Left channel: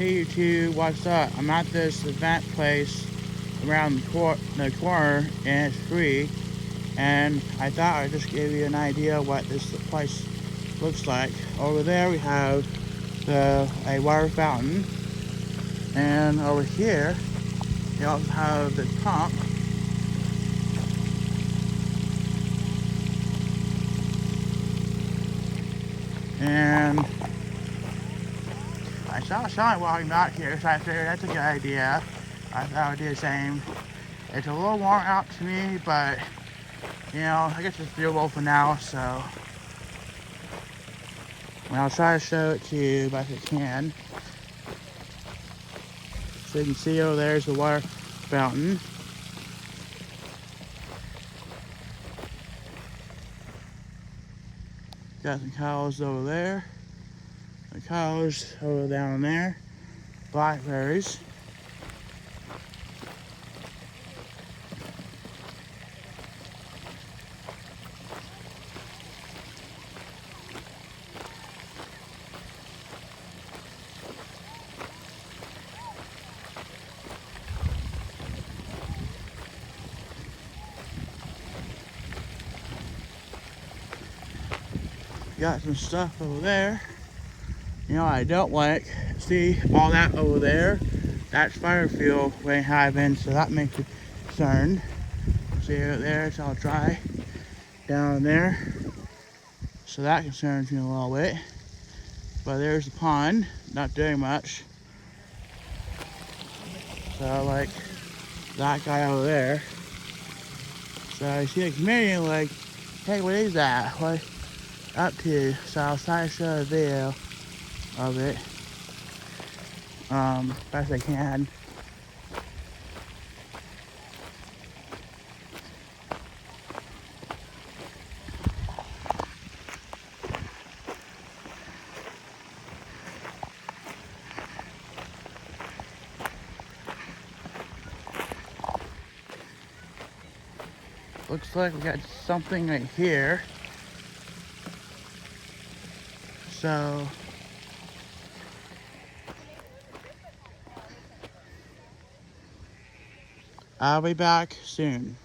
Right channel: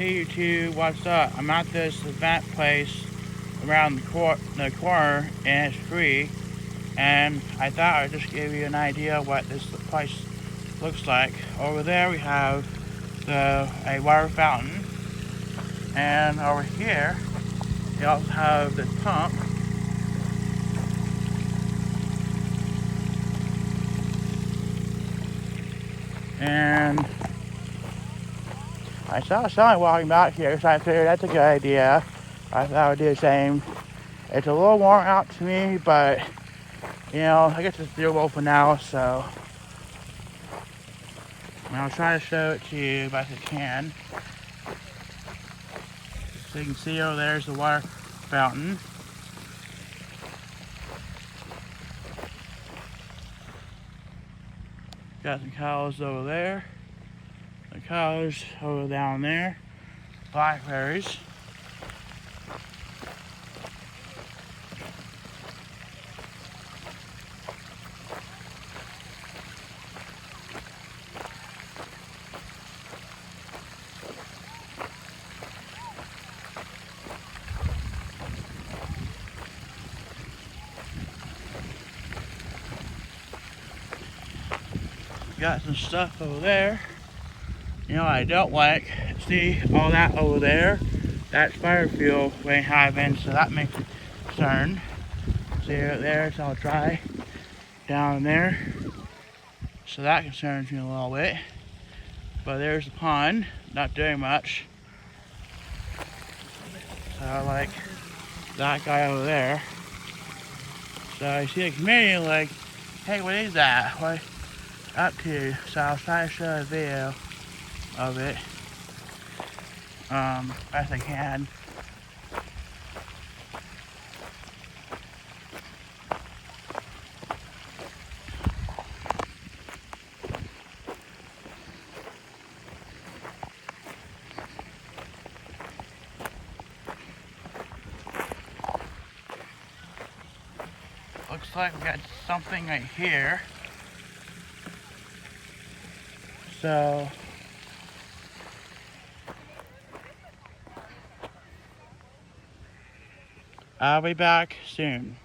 Hey YouTube, what's up? I'm at this event place around the corner and it's free, and I thought I'd just give you an idea what this place looks like. Over there we have a water fountain, and over here you also have the pump. And I saw someone walking back here, so I figured that's a good idea. I thought I would do the same. It's a little warm out to me, but you know, I guess it's doable for now, so I'll try to show it to you best I can. So you can see over there's the water fountain. Got some cows over there. The cows over down there. Blackberries. Got some stuff over there. You know, I don't want to see all that over there. That's fire fuel way having, so that makes me concerned. See it there, it's all dry down there. So that concerns me a little bit. But there's the pond, not doing much. So I like that guy over there. So I see a comedian like, hey, what is that? What up to? So I'll try to show a video of it best I can. Looks like we got something right here. So I'll be back soon.